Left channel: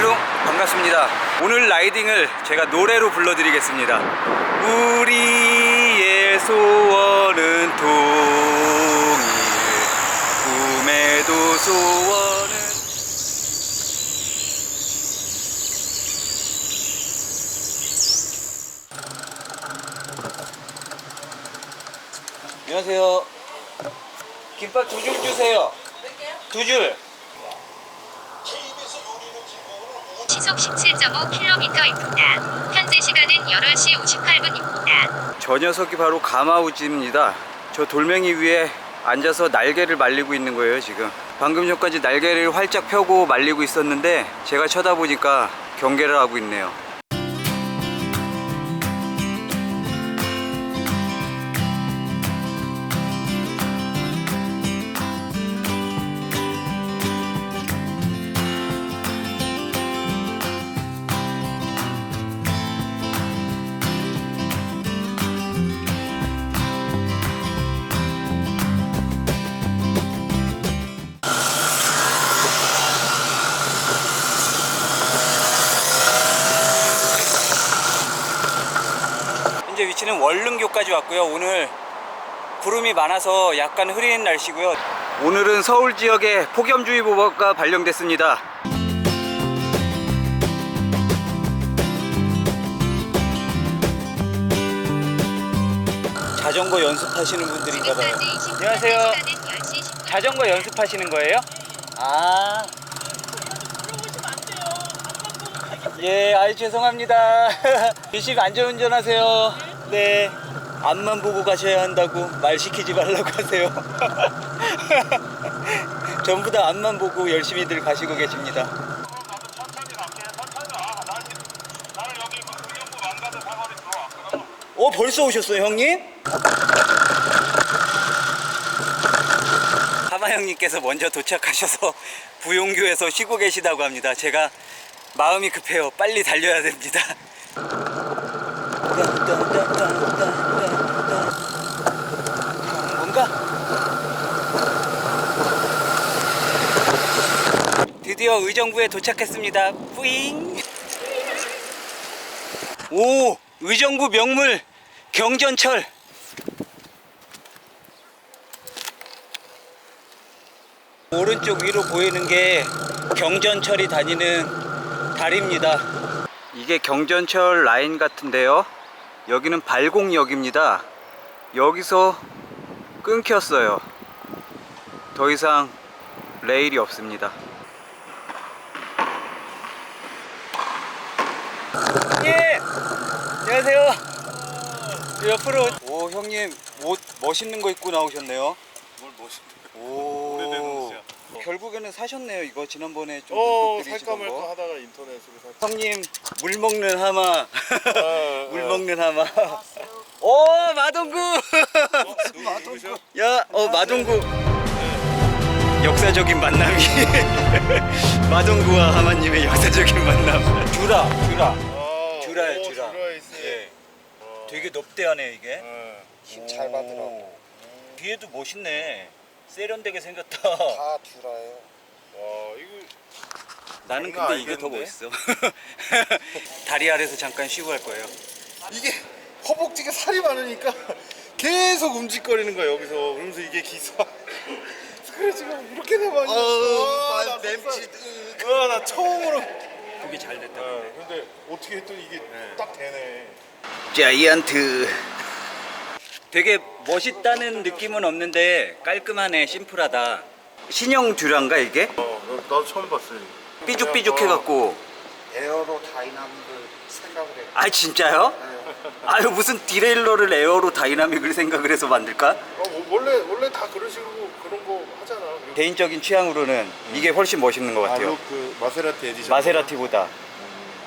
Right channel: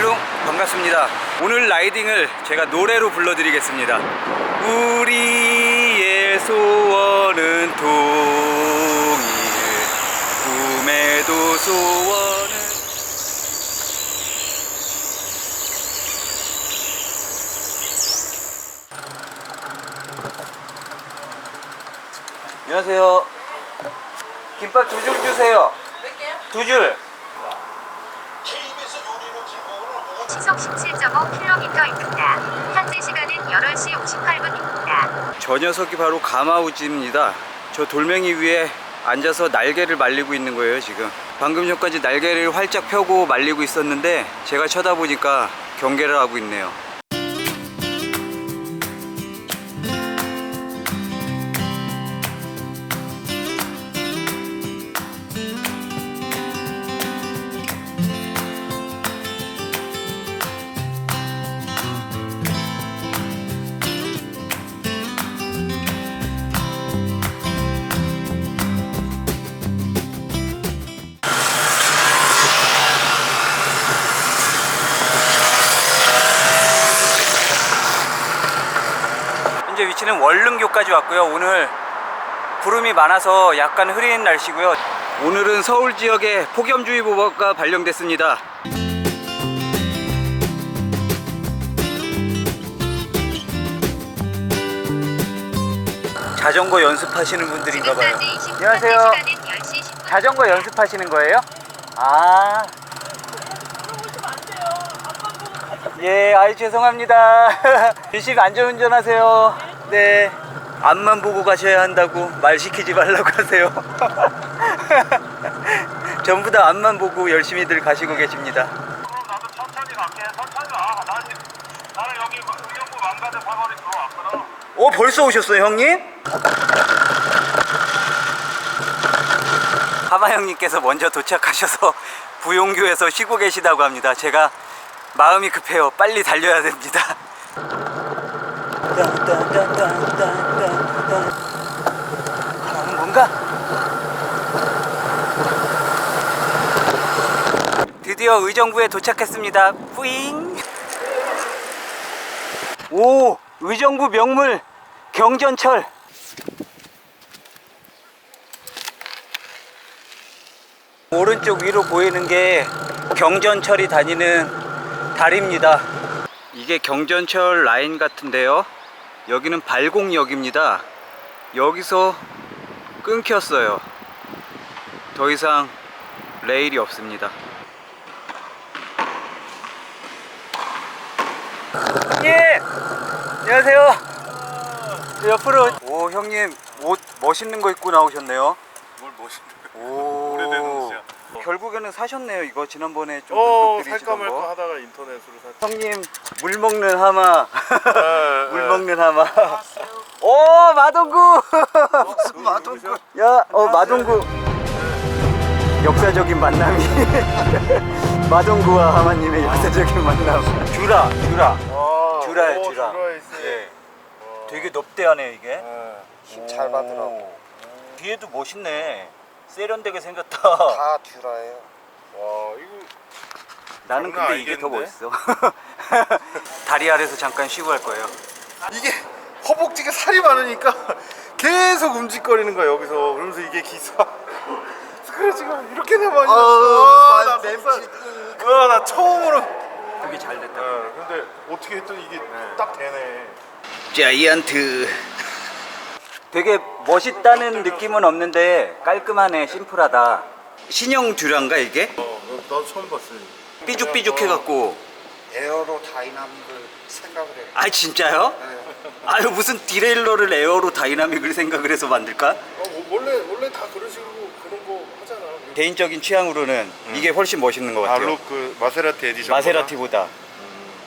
할로 반갑습니다. 오늘 라이딩을 제가 노래로 불러드리겠습니다. 우리의 소원은 동일 꿈에도 소원은 안녕하세요. 김밥 두 줄 주세요. 두 줄. 시속 17.5km입니다. 현재 시간은 8시 58분입니다. 저 녀석이 바로 가마우지입니다. 저 돌멩이 위에 앉아서 날개를 말리고 있는 거예요, 지금. 방금 전까지 날개를 활짝 펴고 말리고 있었는데 제가 쳐다보니까 경계를 하고 있네요. 위치는 월릉교까지 왔고요. 오늘 구름이 많아서 약간 흐린 날씨고요. 오늘은 서울 지역에 폭염주의보가 발령됐습니다. 자전거 연습하시는 분들인가 봐요. 지금까지 20분 안녕하세요. 시간은 10시 10분. 자전거 연습하시는 거예요? 아. 예, 아이 죄송합니다. 열심히 안전운전하세요. 네. 앞만 보고 가셔야 한다고 말 시키지 말라고 하세요. 전부 다 앞만 보고 열심히들 가시고 계십니다. 나도 천천히 갈게. 천천히 와. 나는, 나는 여기 의정부 왕가대 사거리 들어왔거든. 어, 벌써 오셨어요, 형님? 하마 형님께서 먼저 도착하셔서 부용교에서 쉬고 계시다고 합니다. 제가 마음이 급해요. 빨리 달려야 됩니다. 다음은 뭔가? 드디어 의정부에 도착했습니다. 뿌잉. 오, 의정부 명물 경전철. 오른쪽 위로 보이는 게 경전철이 다니는 다리입니다. 이게 경전철 라인 같은데요. 여기는 발곡역입니다. 여기서 끊겼어요. 더 이상 레일이 없습니다. 예! 안녕하세요. 저 옆으로 오 형님 옷 멋있는 거 입고 나오셨네요. 뭘 멋있는 오. 오래된 옷이야. 결국에는 사셨네요. 이거 지난번에 좀 어, 눈독 살까 들이시던 말까 거. 하다가 인터넷으로 살. 형님 물 먹는 하마. 네, 물 네. 먹는 하마. 오 마동구. 야, 어 마동구. 역사적인 만남이. 마동구와 하마님의 역사적인 만남. 듀라, 듀라. 오, 듀라. 예. 되게 넙대하네 이게. 네. 힘잘 받으라고 오. 뒤에도 멋있네. 세련되게 생겼다. 다 듀라예요. 와, 이거 나는 근데 이게 더 아니겠는데? 멋있어. 다리 아래서 잠깐 쉬고 할 거예요. 이게 허벅지가 살이 많으니까 계속 움직거리는 거야 여기서. 그러면서 이게 기사. 그래 지금 이렇게 되면 아우, 나맘 속상- 아, 나 처음으로. 그게 잘 됐다. 네, 근데 어떻게 했더니 이게 딱 되네. 자이언트. 되게 멋있다는 느낌은 없는데 깔끔하네, 심플하다. 신형 듀란가 이게? 어, 나도 처음 봤어요. 삐죽삐죽해갖고. 에어로 다이나믹을 생각을 해요. 아 진짜요? 네. 아유 무슨 디레일러를 에어로 다이나믹을 생각을 해서 만들까? 어, 뭐, 원래 원래 다 그런 식으로 그런 거 하잖아. 개인적인 취향으로는 이게 훨씬 멋있는 것 같아요. 알록 그 마세라티 에디션. 마세라티보다.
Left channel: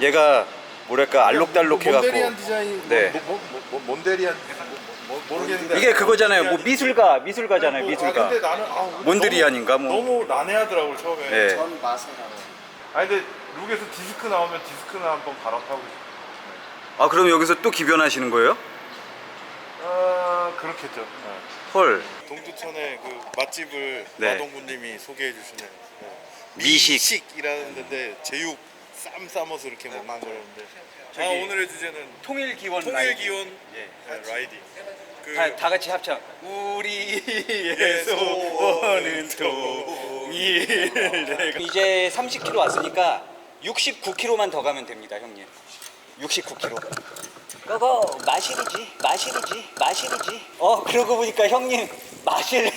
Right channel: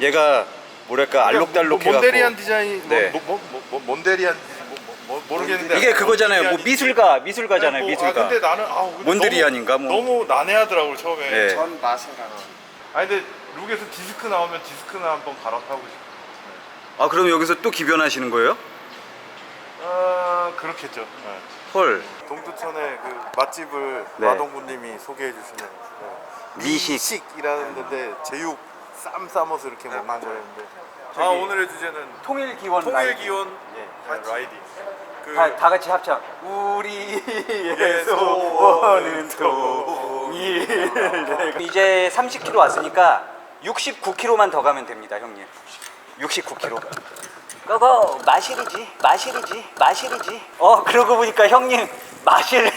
얘가 뭐랄까 알록달록해갖고. 몬데리안 디자인. 네. 뭐, 뭐, 뭐, 뭐, 몬데리안 뭐, 뭐, 뭐, 모르겠는데. 이게 그거잖아요. 뭐. 미술가, 미술가잖아요. 뭐, 미술가. 아, 근데 나는 아, 근데 몬드리안인가, 너무, 뭐. 너무 난해하더라고 처음에. 네. 전 마세라. 아니 근데 룩에서 디스크 나오면 디스크나 한번 갈아타고 싶어. 아 그럼 여기서 또 기변하시는 거예요? 아 그렇겠죠. 네. 헐. 동두천의 그 맛집을 네. 마동구님이 소개해 주시는 네. 미식. 미식이라는 데인데 제육 쌈 싸면서 이렇게 먹는 맞아요. 거였는데. 아 저기 오늘의 주제는 통일 기원 통일 기원 예. 네, 라이딩. 그 다, 다 같이 합창. 우리의 소원은 통일. 이제 30km 왔으니까 69km만 더 가면 됩니다, 형님. 69km. 그거 마실이지, 마실이지, 마실이지. 어, 그러고 보니까 형님 마실,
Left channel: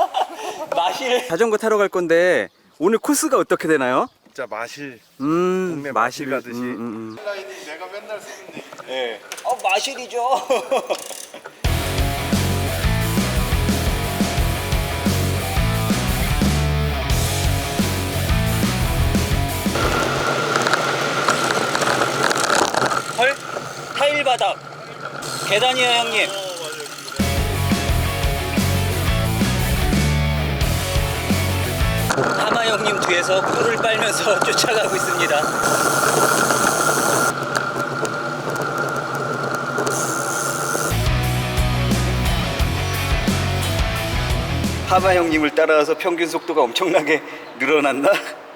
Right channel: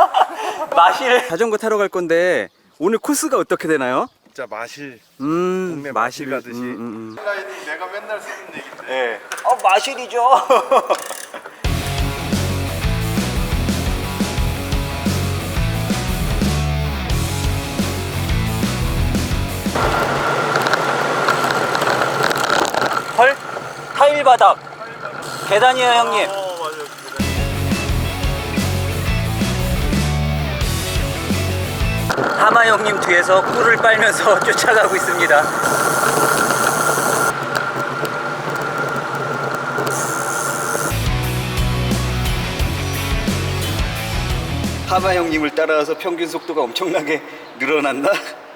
마실. 자전거 타러 갈 건데 오늘 코스가 어떻게 되나요? 진짜 마실. 음, 동네 마실 가듯이. 음, 음, 음. 라이딩 내가 맨날 쓰는 얘기인데. 예. 어, 마실이죠. 헐? 타일 바닥. 계단이에요, 형님. 어 맞아요. 하마 형님 뒤에서 꿀을 빨면서 쫓아가고 있습니다. 하마 형님을 따라와서 평균 속도가 엄청나게 늘어났나?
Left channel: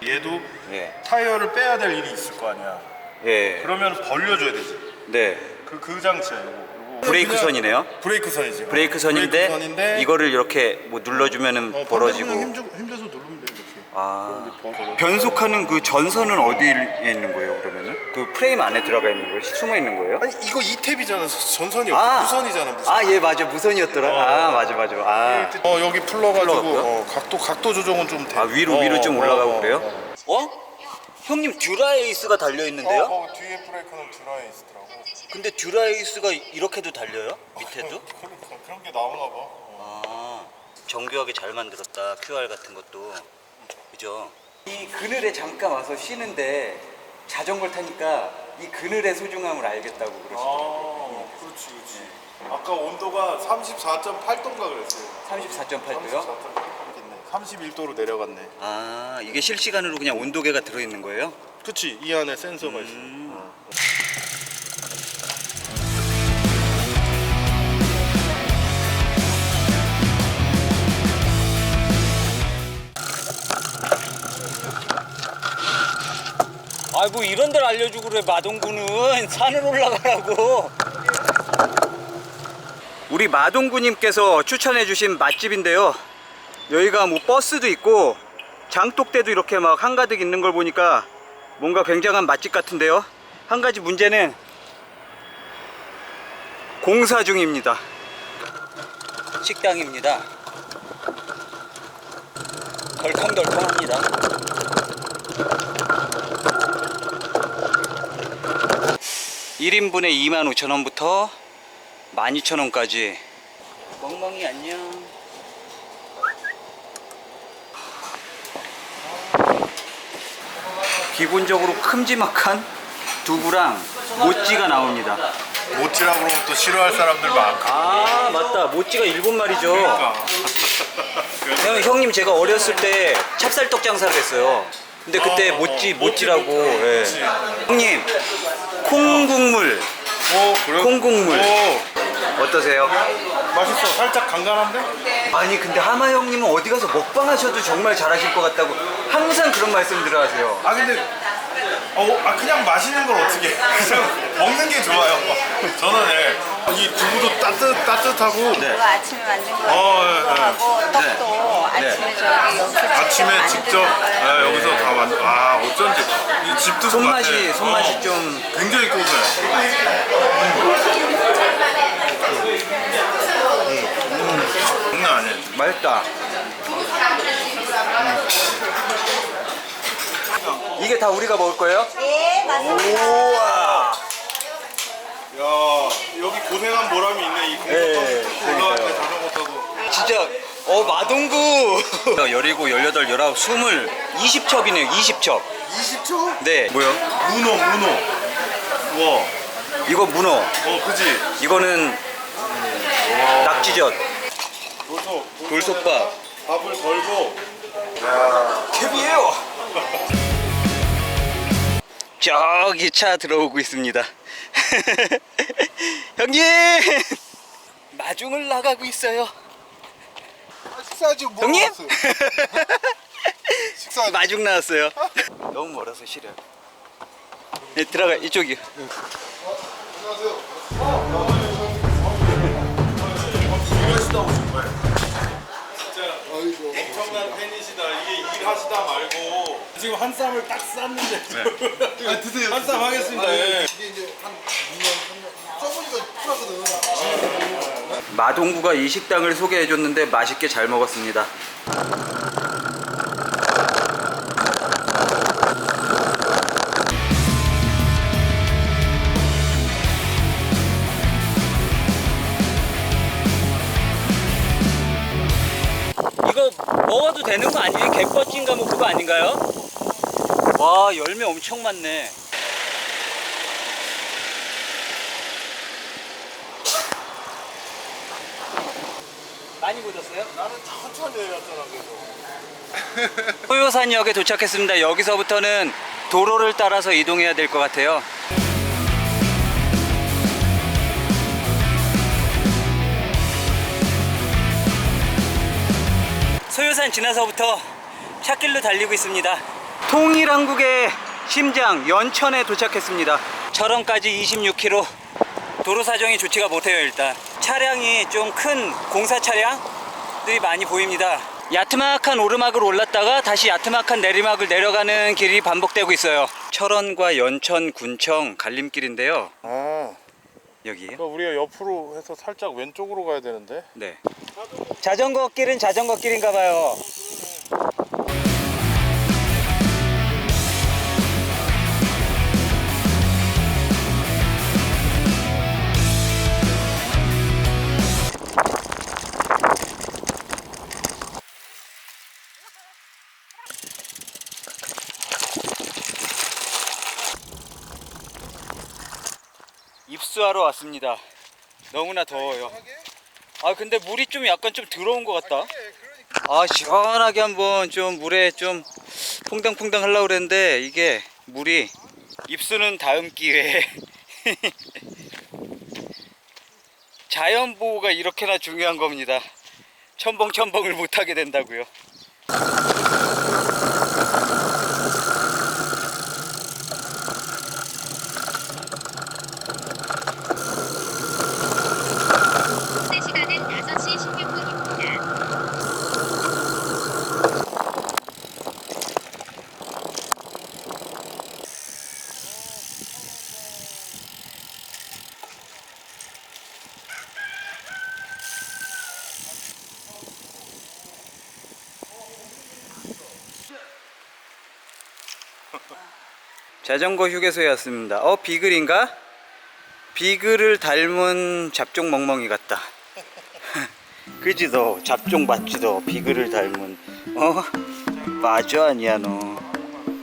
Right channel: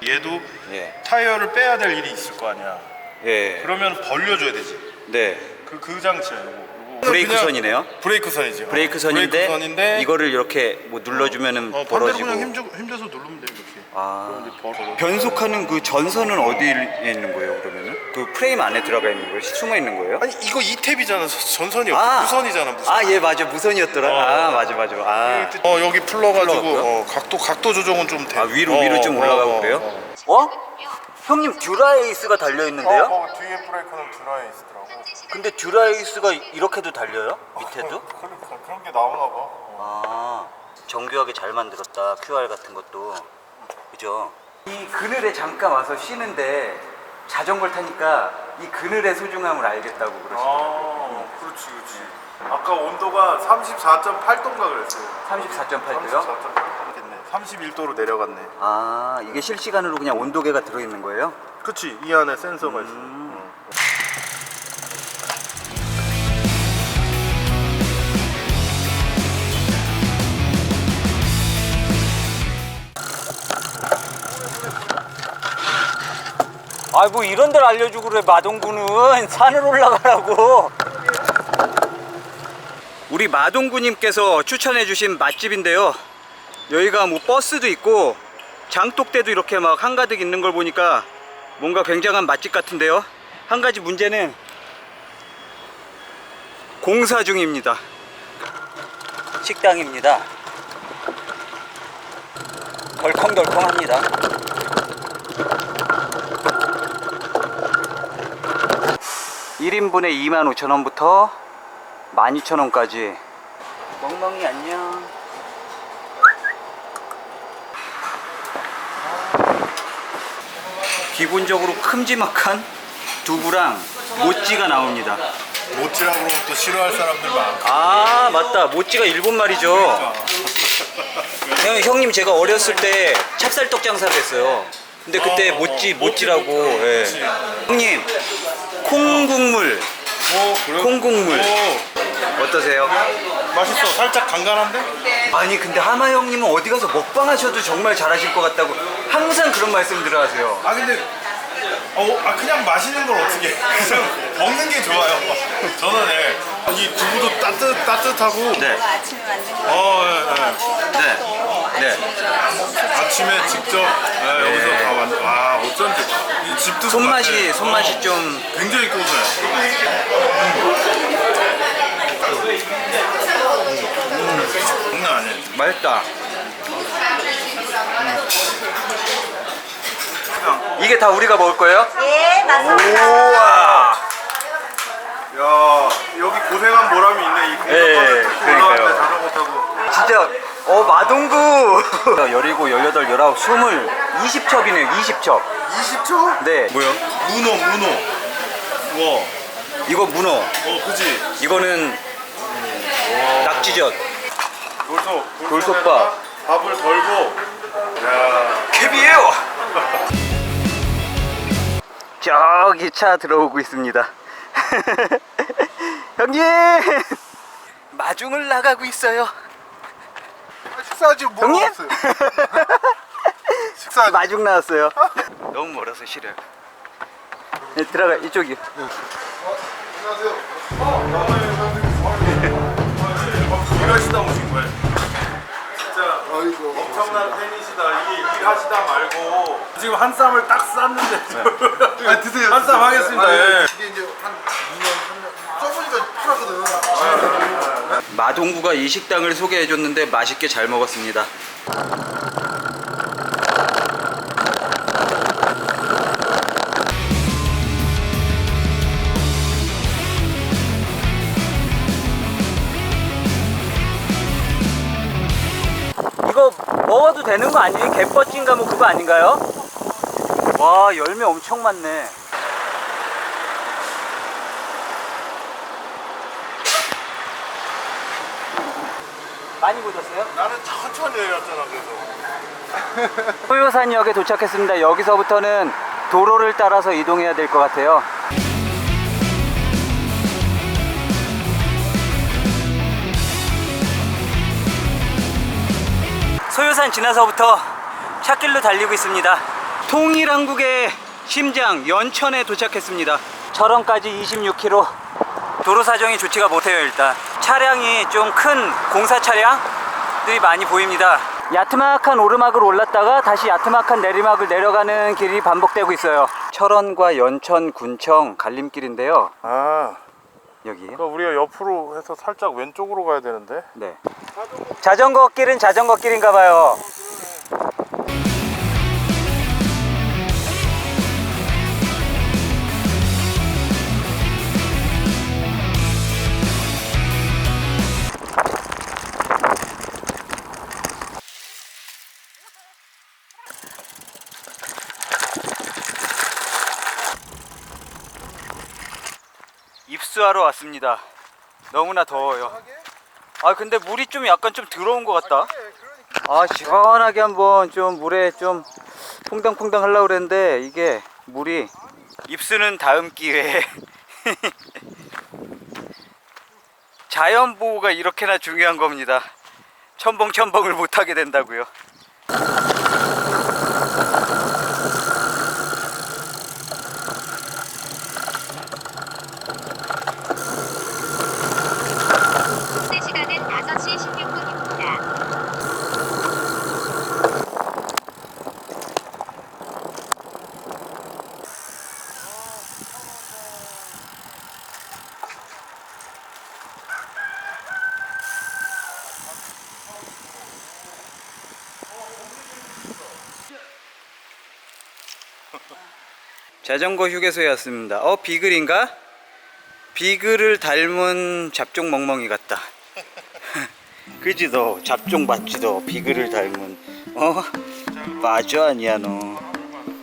얘도 예. 타이어를 빼야 될 일이 있을 거 아니야. 예. 그러면 벌려줘야 되지. 네. 그, 그 장치야 이거. 브레이크 선이네요. 브레이크 선이지. 브레이크 선인데, 브레이크 선인데 이거를 이렇게 뭐 눌러주면은 어, 벌어지고. 벌어지고 힘, 줘, 힘 줘서 누르면 돼 이렇게. 아. 벌어. 변속하는 그 전선은 어디에 있는 거예요, 그러면은? 그 프레임 안에 들어가 있는 거예요? 숨어 있는 거예요? 아니 이거 이 탭이잖아. 전선이 없고 무선이잖아. 무선. 아, 예, 맞아. 무선이었더라. 어. 아, 맞아, 맞아. 아, 어 여기 풀러가지고? 어, 각도 각도 조정은 좀 돼. 아 위로 어, 위로 좀 어, 올라가고 어, 그래요? 어. 어? 형님 듀라에이스가 달려 있는데요? 어, 어, 뒤에 브레이크는 드라에 있더라고. 근데 듀라에이스가 이렇게도 달려요? 밑에도? 그러니까 그런 게 나오나 봐. 어. 아, 정교하게 잘 만들었다. QR 같은 것도. 그죠? 이 그늘에 잠깐 와서 쉬는데 자전거를 타니까 이 그늘의 소중함을 알겠다고 그러시더라고요. 아, 그렇지, 그렇지. 아까 온도가 34.8도인가 그랬어요. 34.8도요? 31도로 내려갔네. 아, 이게 실시간으로 그냥 온도계가 들어있는 거예요? 그치, 이 안에 센서가 있어. 음. 어. 아, 뭐 이런 데를 알려주고 그래, 마동구는. 산을 올라가라고. 우리 마동구님께서 추천해주신 맛집인데요. 여기가 뭐 버스도 있고, 장독대도 이렇게 막 한가득 있는 걸 보니까 뭔가 굉장한 맛집 같은데요. 한 가지 문제는 공사 중입니다. 식당입니다. 덜컹덜컹합니다. 1인분에 25,000원부터 12,000원까지 멍멍이 안녕 기본적으로 큼지막한 두부랑 모찌가 나옵니다 모찌라 그러면 또 싫어할 사람들 많고. 아 맞다 모찌가 일본 말이죠 형, 형님 제가 어렸을 때 찹쌀떡 장사를 했어요 근데 그때 어, 어, 모찌 어, 모찌라고 모찌, 모찌, 예. 모찌. 형님 콩국물 오, 그래? 콩국물. 오, 어떠세요? 맛있어. 살짝 간간한데? 아니 근데 하마 형님은 어디 가서 먹방 하셔도 정말 잘하실 것 같다고 항상 그런 말씀 들어하세요. 아 근데 어, 아 그냥 마시는 걸 어떻게 해? 그냥 먹는 게 좋아요. 저는 예, 이 두부도 따뜻 따뜻하고 네. 아침에 만든 거 어, 예, 예. 하고 네. 떡도 네. 아침에 아침에 직접 예, 여기서 다 만들. 아 어쩐지 이 집도 손맛이 손맛이 좀 굉장히 고소해. 음. 장난 아니에요. 맛있다. 이게 다 우리가 먹을 거예요? 예, 맞습니다. 우와. 야 여기 고생한 보람이 있네 이 예, 공사판을 올라갈 때 그러니까요. 자전거 타고. 진짜 어 마동구 열이고 열여덟 열아홉 스물 20첩이네요 20첩 20초? 네 뭐요? 문어 문어. 와. 이거 문어 어 그지. 이거는 낙지젓 돌솥. 돌솥밥 밥을 덜고. 야. 캡이에요 저기 차 들어오고 있습니다 형님 마중을 나가고 있어요 식사하지 뭐 형님? 먹었어요? 식사 마중 나왔어요 너무 멀어서 싫어요 네, 들어가 이쪽이요. 일하시다 진짜 엄청난 팬이시다. 이게 일하시다 말고 지금 한 쌈을 딱 쌌는데 아, 드세요. 한쌈 하겠습니다. 예. 이게 이제 한 2년, 3년 써보니까 편하거든. 마동구가 이 식당을 소개해 줬는데 맛있게 잘 먹었습니다. 되는 거 아니에요? 개뻗진가 뭐 그거 아닌가요? 와 열매 엄청 많네. 많이 묻었어요? 나는 천천히 해왔잖아 그래서. 소요산역에 도착했습니다. 여기서부터는 도로를 따라서 이동해야 될 것 같아요. 소요산 지나서부터 찻길로 달리고 있습니다. 통일한국의 심장 연천에 도착했습니다. 철원까지 26km. 도로 사정이 좋지가 못해요 일단. 차량이 좀 큰 공사 차량들이 많이 보입니다. 야트막한 오르막을 올랐다가 다시 야트막한 내리막을 내려가는 길이 반복되고 있어요. 철원과 연천 군청 갈림길인데요. 아, 여기. 그러니까 우리가 옆으로 해서 살짝 왼쪽으로 가야 되는데. 네. 자전거 길은 자전거 길인가 봐요. 입수하러 왔습니다. 너무나 더워요. 아 근데 물이 좀 약간 좀 들어온 것 같다. 아 시원하게 한번 좀 물에 좀 퐁당퐁당 하려고 그랬는데 이게 물이 입수는 다음 기회에 자연 보호가 이렇게나 중요한 겁니다. 첨벙 첨벙을 못 하게 된다고요. 현재 시간은 5시 16분입니다. 자전거 휴게소에 왔습니다. 어 비글인가? 비글을 닮은 잡종 멍멍이 같다. 그지 너 잡종 맞지 너 비글을 닮은 어 맞아 아니야 너.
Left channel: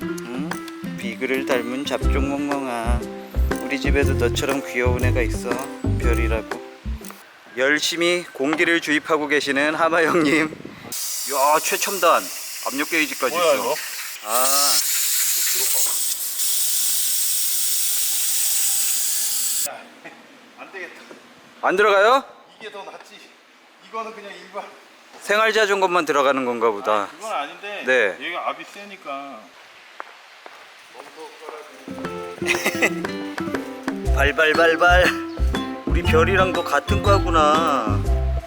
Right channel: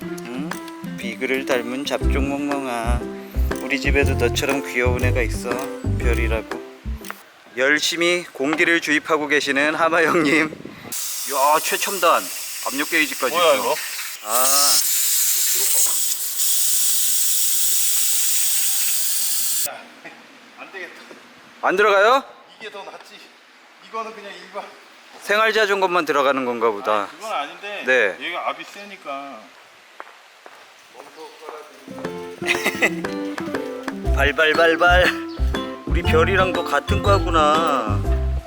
응? 비글을 닮은 잡종 멍멍아. 우리 집에도 너처럼 귀여운 애가 있어 별이라고. 열심히 공기를 주입하고 계시는 하마 형님. 야 최첨단 압력 게이지까지 뭐야 있어. 이거? 아. 안 되겠다. 안 들어가요? 이게 더 낫지. 이거는 그냥 일반. 생활 자전거만 들어가는 건가 보다. 그건 아닌데. 네. 얘가 압이 세니까. 발발발발. 우리 별이랑도 같은 과구나.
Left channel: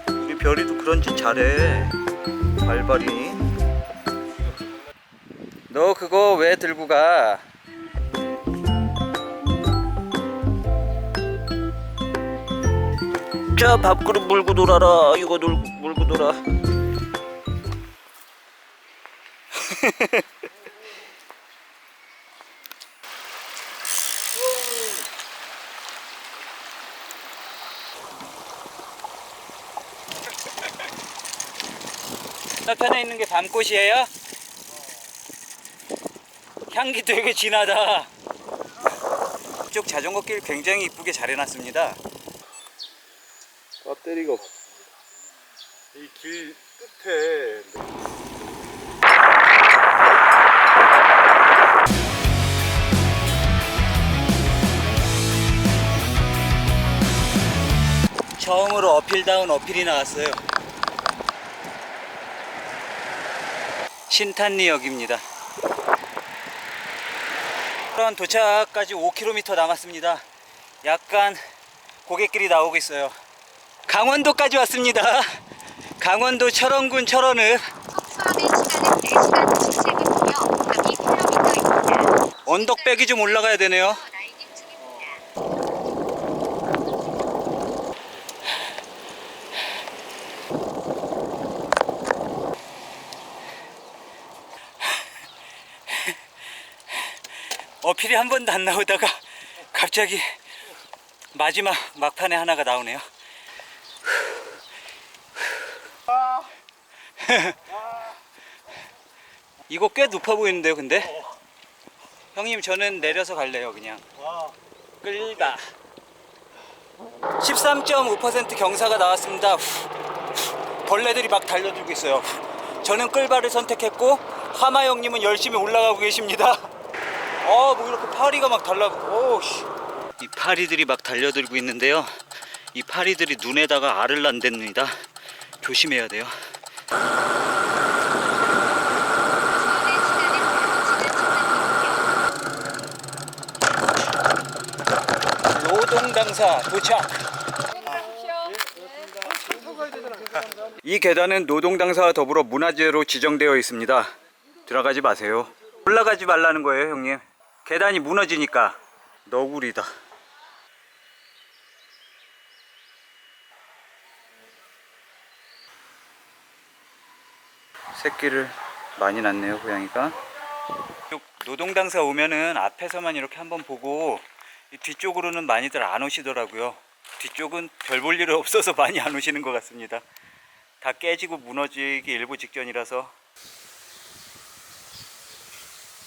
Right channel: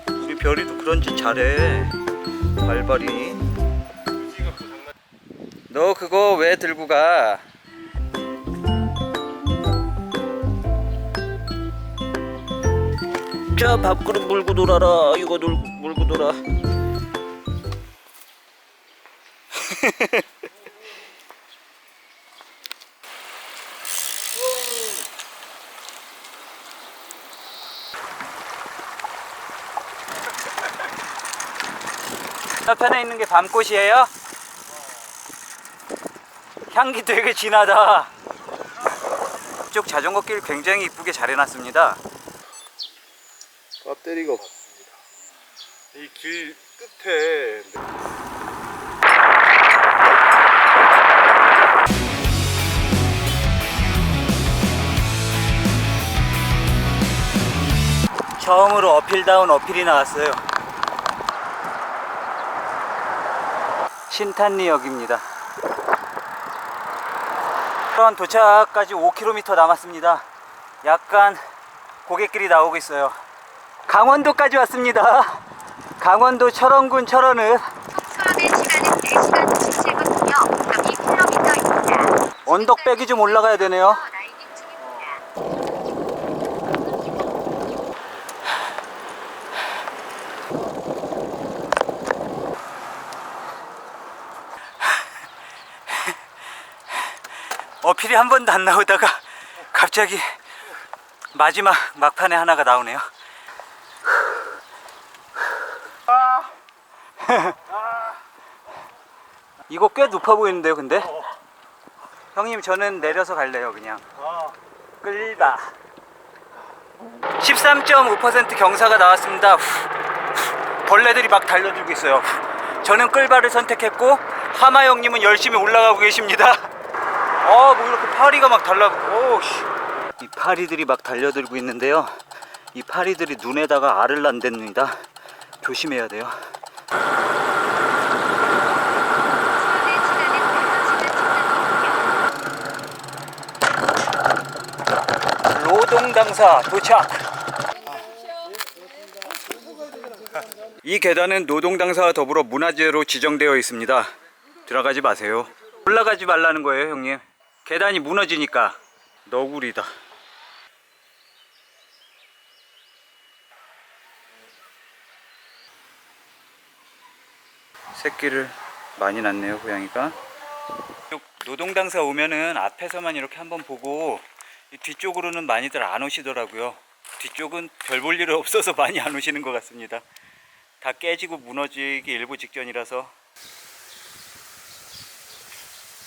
우리 별이도 그런 짓 잘해. 발발이. 너 그거 왜 들고 가? 자 밥그릇 물고 놀아라. 이거 놀, 물고 놀아. 옆편에 있는 게 밤꽃이에요? 향기 되게 진하다. 이쪽 자전거 길 굉장히 이쁘게 잘 해놨습니다. 배터리가 없습니다. 이 길 끝에 처음으로 어필다운 어필이 나왔어요. 신탄리역입니다. 그런 도착까지 5km 남았습니다. 약간 고갯길이 나오고 있어요. 강원도까지 왔습니다. 강원도 철원군 철원읍 수원의 시간은 4시간 57분이며 2km입니다. 언덕백이 좀 올라가야 되네요. 중입니다. 어필이 한 번도 안 나오다가 갑자기 마지막 막판에 하나가 나오네요. 이거 꽤 높아 보이는데요, 근데? 형님, 저는 내려서 갈래요, 그냥. 끌바. 13.5% 경사가 나왔습니다. 벌레들이 막 달려들고 있어요. 후. 저는 끌바를 선택했고 하마 형님은 열심히 올라가고 계십니다. 아, 뭐 이렇게 파리가 막 달라. 오, 씨. 이 파리들이 막 달려들고 있는데요. 이 파리들이 눈에다가 알을 난답니다. 조심해야 돼요. 수원의 시간은 5시간 16분이며 로동 당사 도착. 이 계단은 노동 당사와 더불어 문화재로 지정되어 있습니다. 들어가지 마세요. 올라가지 말라는 거예요, 형님. 계단이 무너지니까 너구리다. 새끼를 많이 낳네요, 고양이가. 노동 당사 오면은 앞에서만 이렇게 한번 보고 이 뒤쪽으로는 많이들 안 오시더라고요. 뒤쪽은 별 볼 일 없어서 많이 안 오시는 것 같습니다. 다 깨지고 무너지기 일보 직전이라서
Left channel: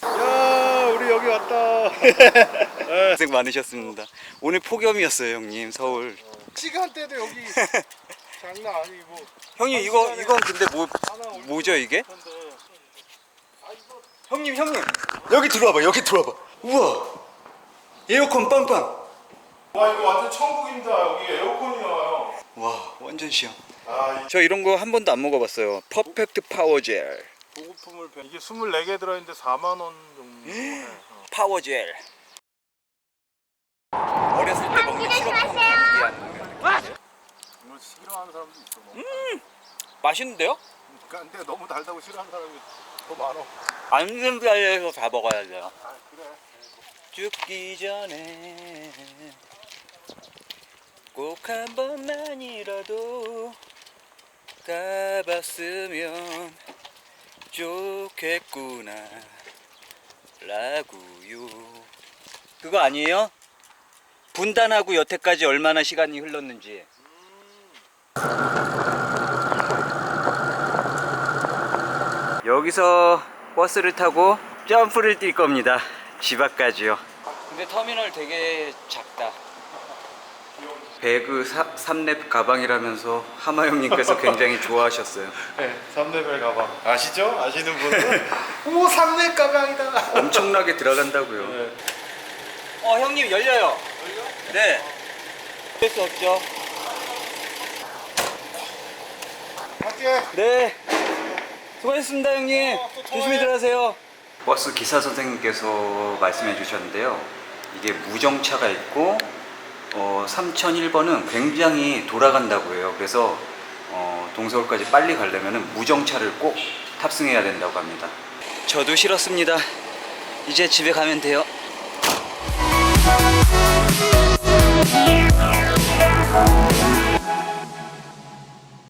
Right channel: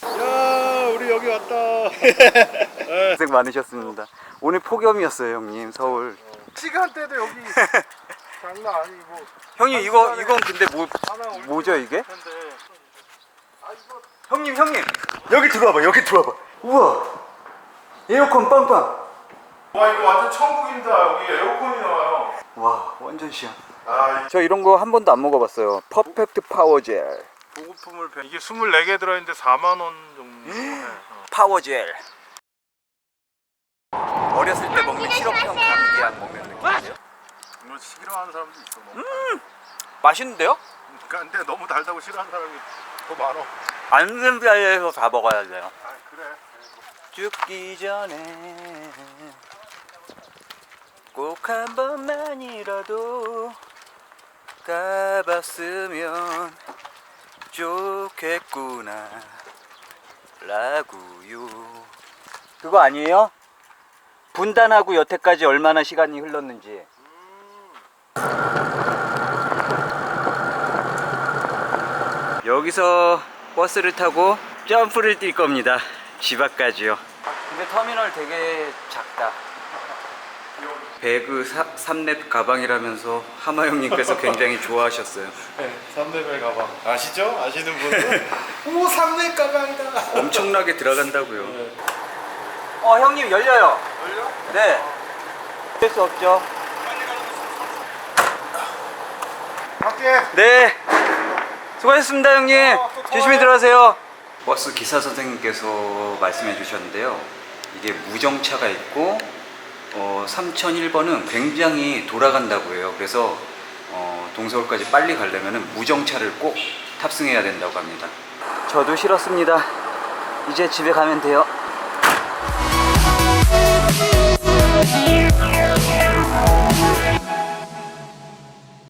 야 우리 여기 왔다. 고생 많으셨습니다. 오늘 폭염이었어요, 형님. 서울. 시간대도 여기 장난 아니고 형님 이거 이건 근데 뭐 뭐죠 이게? 텐데. 형님 형님 여기 들어와봐 여기 들어와봐. 우와 에어컨 빵빵. 와 이거 완전 천국입니다. 여기 에어컨이 나와요. 와 완전 시원. 아 저 이런 거 한 번도 안 먹어봤어요. 퍼펙트 파워젤. 보급품을 배- 이게 24개 들어있는데 4만 원 정도. 해. 파워젤. 어렸을 때 먹는 시럽 이게 안 먹는 느낌. 이거 싫어하는 사람도 있어. 너무. 맛있는데요? 그러니까 근데 너무 달다고 싫어하는 사람이 더 많어. 안 쓰는 자리에서 다 먹어야 돼요. 아 그래. 죽기 전에 꼭 한 번만이라도 가봤으면 좋겠구나 라고요 그거 아니에요? 분단하고 여태까지 얼마나 시간이 흘렀는지 여기서 버스를 타고 점프를 뛸 겁니다. 집 앞까지요. 근데 터미널 되게 작다. 배그 3렙 가방이라면서 하마 형님께서 굉장히 좋아하셨어요. 네, 3레벨 가방 아시죠? 아시는 분은 오 3레 가방이다. 엄청나게 들어간다고요. 네. 어 형님 열려요. 열려? 네. 할수 없죠. 갈게. 네. 수고하셨습니다, 형님. 어. 조심히 들어가세요. 버스 기사 선생님께서 말씀해 주셨는데요. 이게 무정차가 있고 어, 3001번은 굉장히 돌아간다고 해요. 그래서 어, 동서울까지 빨리 가려면 무정차를 꼭 탑승해야 된다고 합니다. 저도 싫었습니다. 이제 집에 가면 돼요.